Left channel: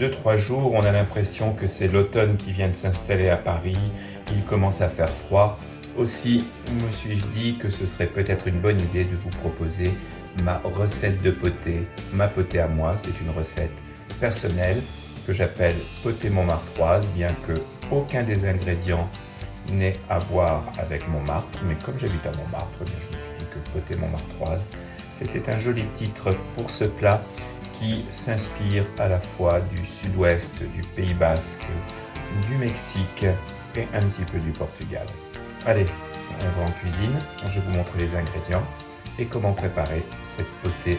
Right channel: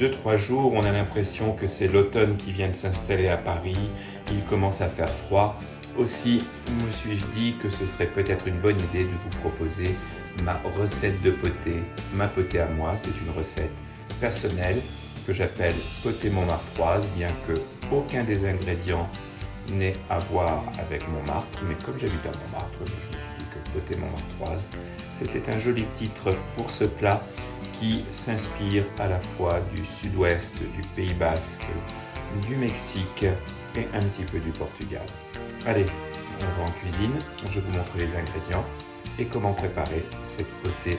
2-3 jours, on a l'impression que c'est l'automne qui vient de s'installer à Paris. Il commence à faire froid. Aussi, me suis-je dit que ce serait peut-être une bonne idée de vous proposer ma recette de potée. Ma potée à moi, c'est une recette personnelle que j'appelle potée montmartroise, bien que aucun des ingrédients n'ait à voir avec Montmartre. Mais comme j'habite à Montmartre, je me suis dit que potée montmartroise, c'était un joli titre pour ce plat qui s'inspire à la fois du sud-ouest, du Pays Basque, du Mexique et un petit peu du Portugal. Allez, on va en cuisine, je vous montre les ingrédients et comment préparer cette potée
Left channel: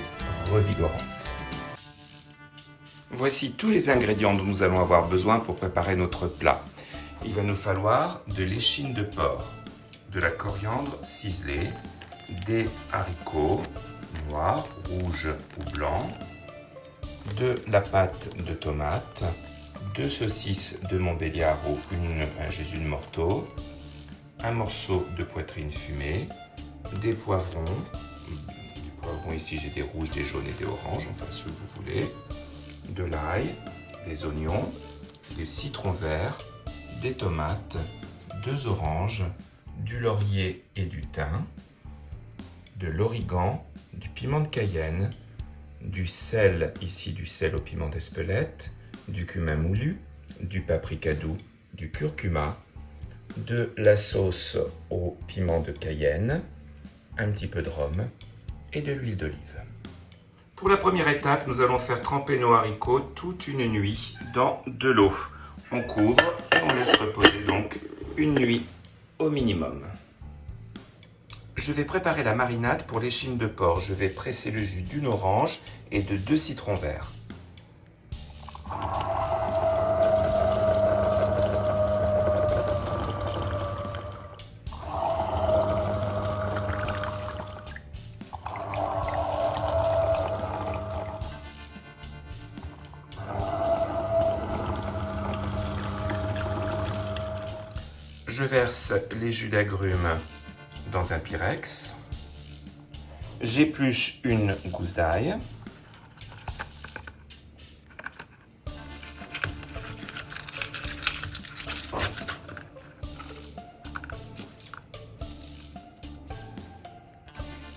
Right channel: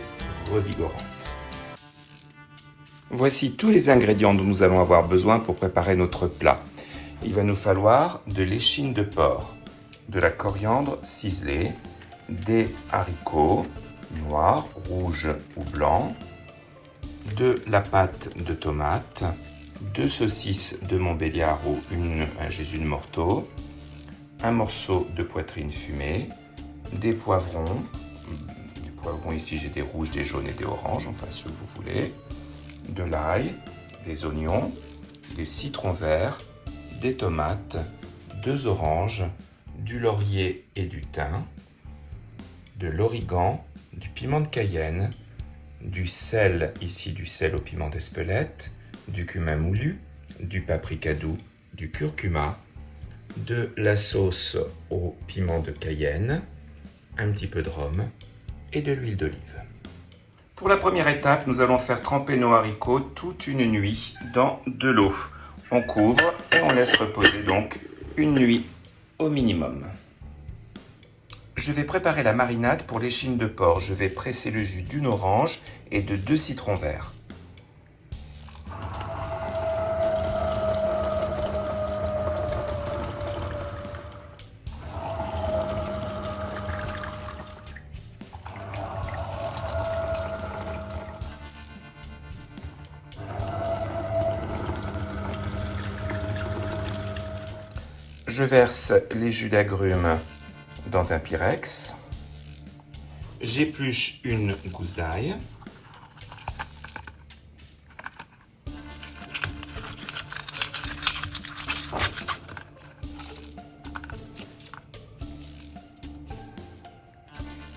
revigorante. Voici tous les ingrédients dont nous allons avoir besoin pour préparer notre plat. Il va nous falloir de l'échine de porc, de la coriandre ciselée, des haricots noirs, rouges ou blancs, de la pâte de tomate, 2 saucisses de Montbéliard ou un Jésus de Morteau, un morceau de poitrine fumée, des poivrons. Des poivrons ici j'ai des rouges, des jaunes et des oranges, enfin ceux que vous voulez, de l'ail, des oignons, des citrons verts, des tomates, 2 oranges, du laurier et du thym, de l'origan, du piment de Cayenne, du sel, ici du sel au piment d'Espelette, du cumin moulu, du paprika doux, du curcuma, de la sauce au piment de Cayenne, un petit peu de rhum et de l'huile d'olive. Pour la première étape, nous allons faire tremper nos haricots toute une nuit dans de l'eau. On couvre et on laisse reposer donc une nuit au minimum. Je vais préparer la marinade pour l'échine de porc. Je vais presser le jus d'une orange et de 2 citrons verts. Je verse les jus d'agrumes dans un pyrex. J'épluche une gousse d'ail.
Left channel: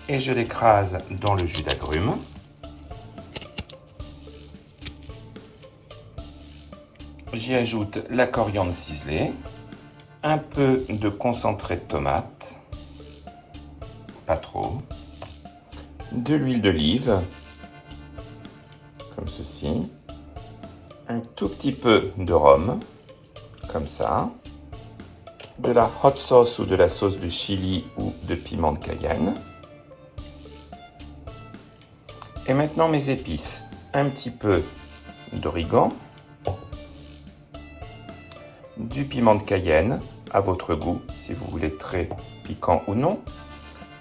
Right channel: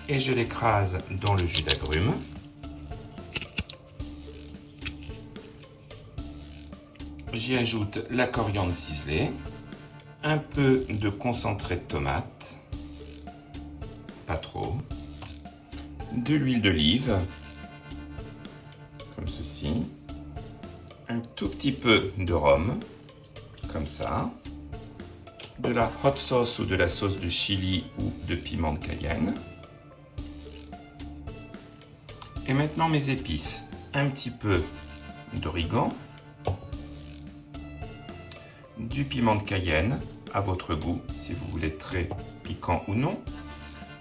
Et je l'écrase dans le jus d'agrumes. J'y ajoute la coriandre ciselée, un peu de concentré de tomate, pas trop, de l'huile d'olive, comme ceci, un tout petit peu de rhum, comme ça, de la hot sauce ou de la sauce de chili ou de piment de Cayenne. Et maintenant mes épices, un petit peu d'origan, du piment de Cayenne, à votre goût, si vous voulez très piquant ou non,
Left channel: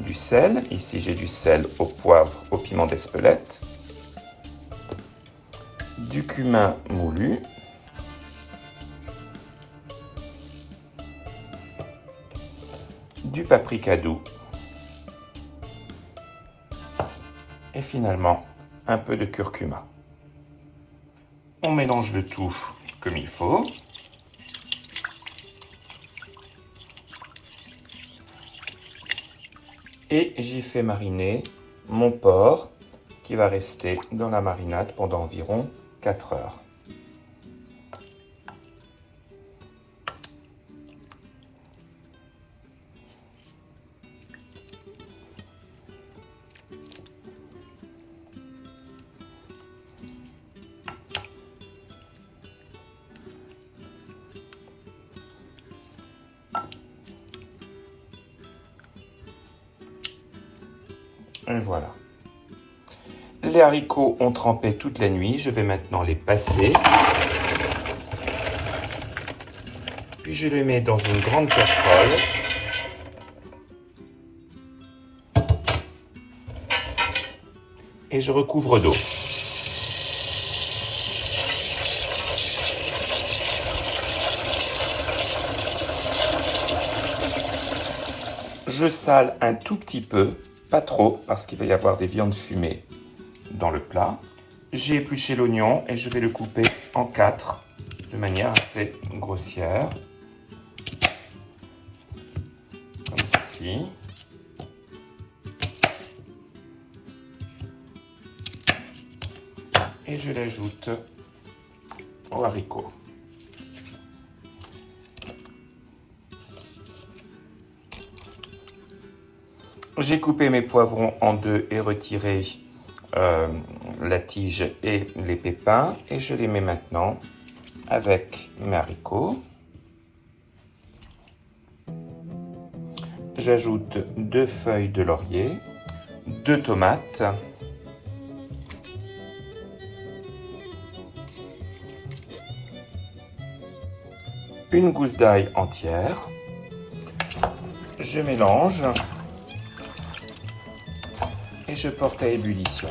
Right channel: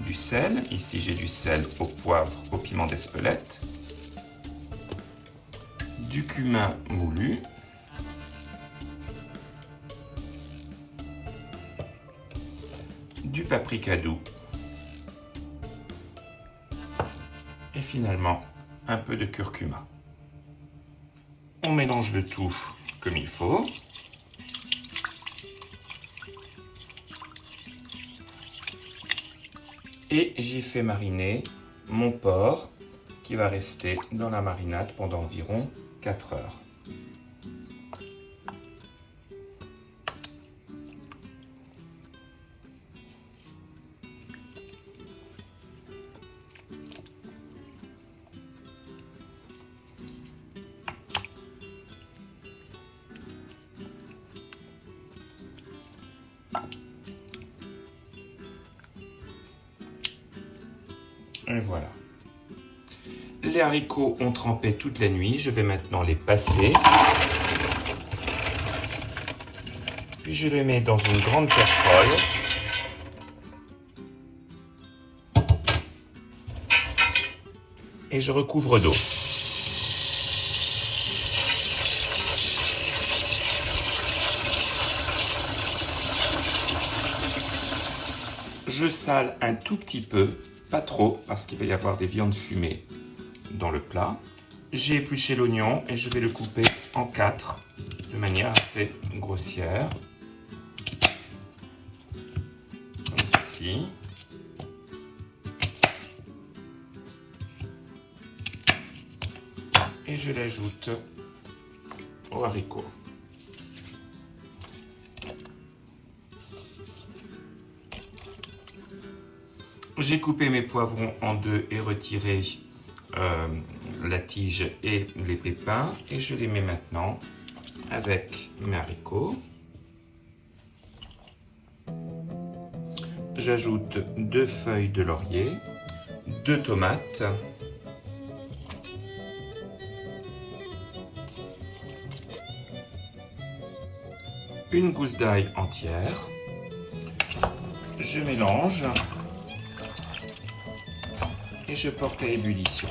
du sel, ici j'ai du sel au poivre, au piment d'Espelette, du cumin moulu, du paprika doux, et finalement un peu de curcuma. On mélange le tout comme il faut. Et j'ai fait mariner mon porc qui va rester dans la marinade pendant environ 4 heures. Et voilà. Les haricots ont trempé toute la nuit. Je vais maintenant les passer. Puis je les mets dans une grande casserole. Et je recouvre d'eau. Je sale un tout petit peu, pas trop, parce qu'il va y avoir des viandes fumées dans le plat. J'ai épluché l'oignon et je vais le couper en 4 de manière assez grossière, comme ceci. Et je l'ajoute aux haricots. J'ai coupé mes poivrons en deux et retiré la tige et les pépins. Et je les mets maintenant avec mes haricots. J'ajoute 2 feuilles de laurier, 2 tomates, une gousse d'ail entière. Je mélange et je porte à ébullition.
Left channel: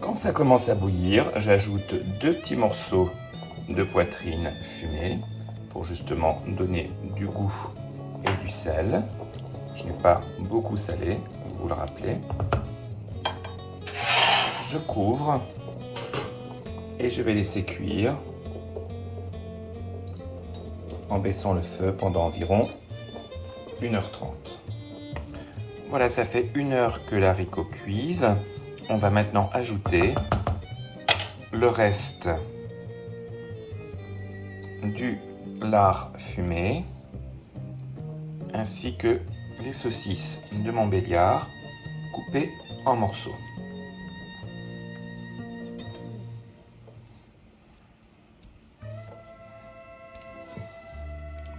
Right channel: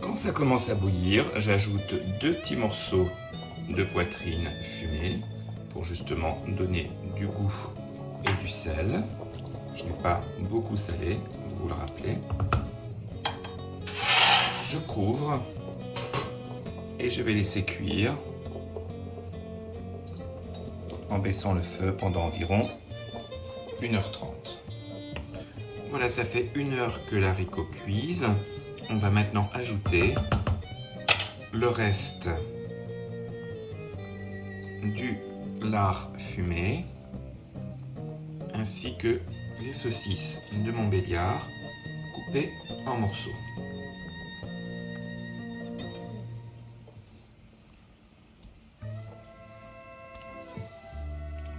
Quand ça commence à bouillir, j'ajoute 2 petits morceaux de poitrine fumée pour justement donner du goût et du sel. Je n'ai pas beaucoup salé, vous vous le rappelez. Je couvre et je vais laisser cuire en baissant le feu pendant environ 1h30. Voilà, ça fait 1 heure que l'haricot cuise. On va maintenant ajouter le reste du lard fumé ainsi que les saucisses de Montbéliard coupées en morceaux.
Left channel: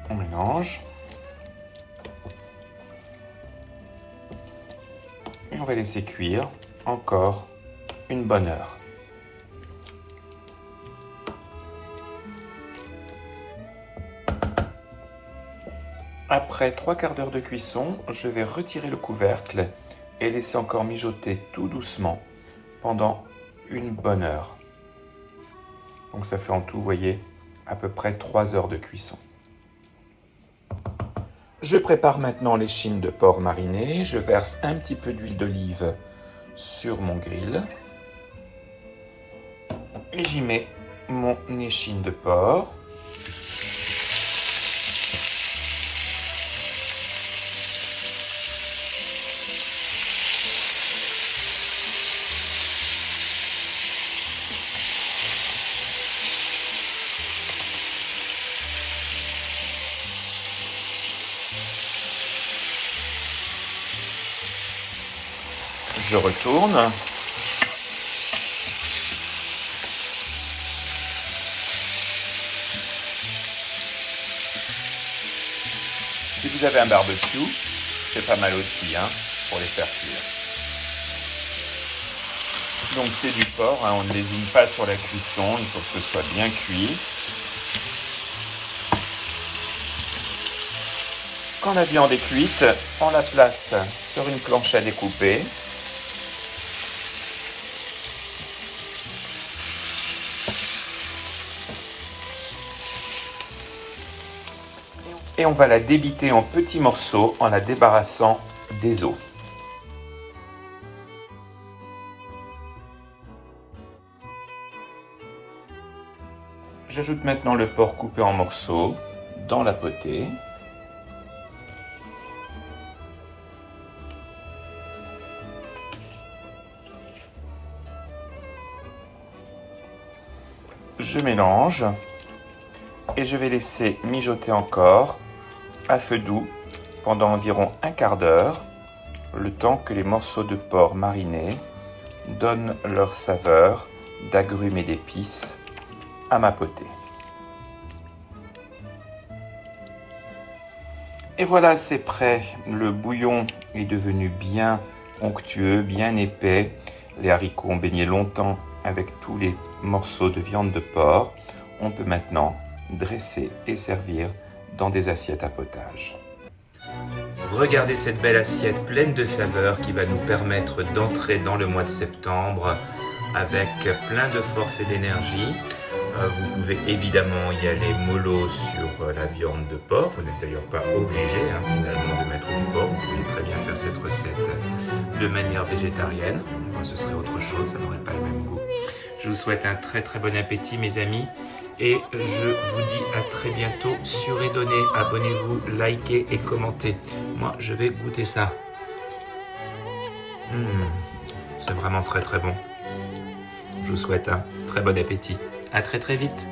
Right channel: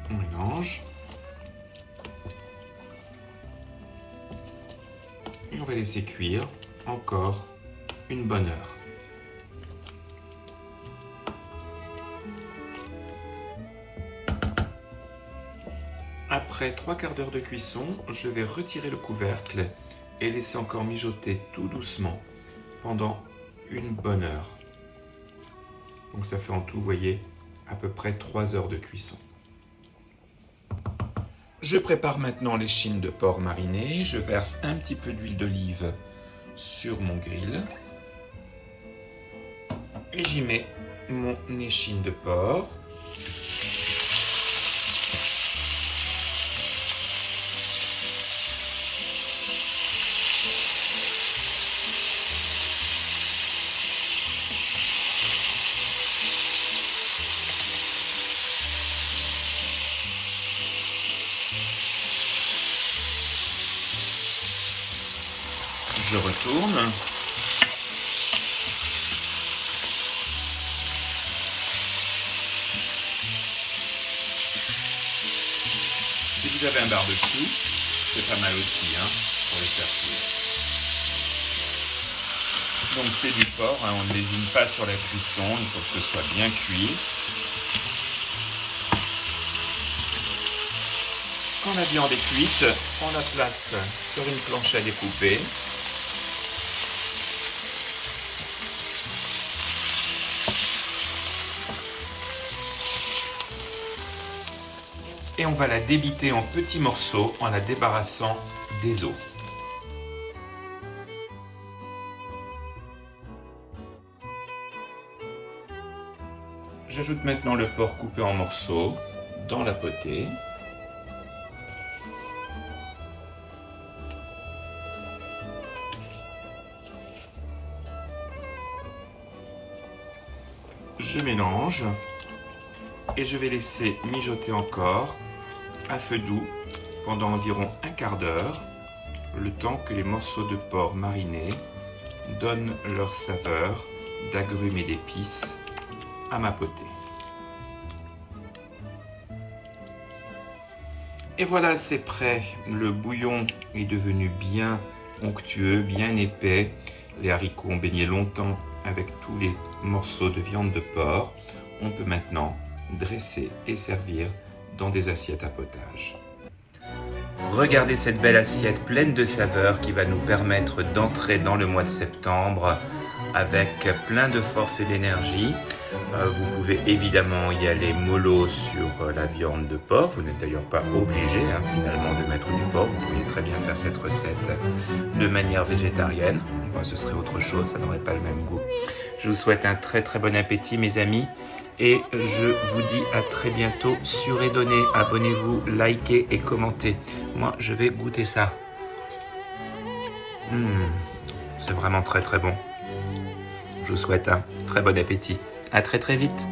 On mélange et on va laisser cuire encore une bonne heure. Après 3/4 d'heure de cuisson, je vais retirer le couvercle et laisser encore mijoter tout doucement pendant une bonne heure. Donc ça fait en tout, vous voyez, à peu près 3 heures de cuisson. Je prépare maintenant l'échine de porc marinée. Je verse un petit peu d'huile d'olive sur mon grill. Et j'y mets mon échine de porc. Je retourne. Si vous avez un barbecue, c'est pas mal aussi pour les faire cuire. Donc c'est du porc, on ne lésine pas sur la cuisson, il faut que ce soit bien cuit. Quand la viande est cuite, on la place sur une planche à découper. Et on va la débiter en petits morceaux en la débarrassant des os. J'ajoute maintenant le porc coupé en morceaux dans la potée. Je mélange et je vais laisser mijoter encore à feu doux pendant environ 1/4 d'heure, le temps que les morceaux de porc marinés donnent leur saveur d'agrumes et d'épices à ma potée. Et voilà, c'est prêt. Le bouillon est devenu bien onctueux, bien épais. Les haricots ont baigné longtemps avec tous les morceaux de viande de porc. On peut maintenant dresser et servir dans des assiettes à potage. Regardez cette belle assiette pleine de saveurs qui va nous permettre d'entrer dans le mois de septembre avec plein de force et d'énergie. Vous pouvez évidemment y aller mollo sur la viande de porc. Vous n'êtes d'ailleurs pas obligé finalement de mettre du porc. Vous pourriez très bien faire cette recette de manière végétarienne. Enfin, ce serait autre chose, ça n'aurait pas le même goût. Je vous souhaite un très très bon appétit mes amis. Et je vous dis à très bientôt sur Edonné. Abonnez-vous, likez et commentez. Moi, je vais goûter ça. C'est vraiment très très bon. Je vous souhaite un très bon appétit. À très très vite.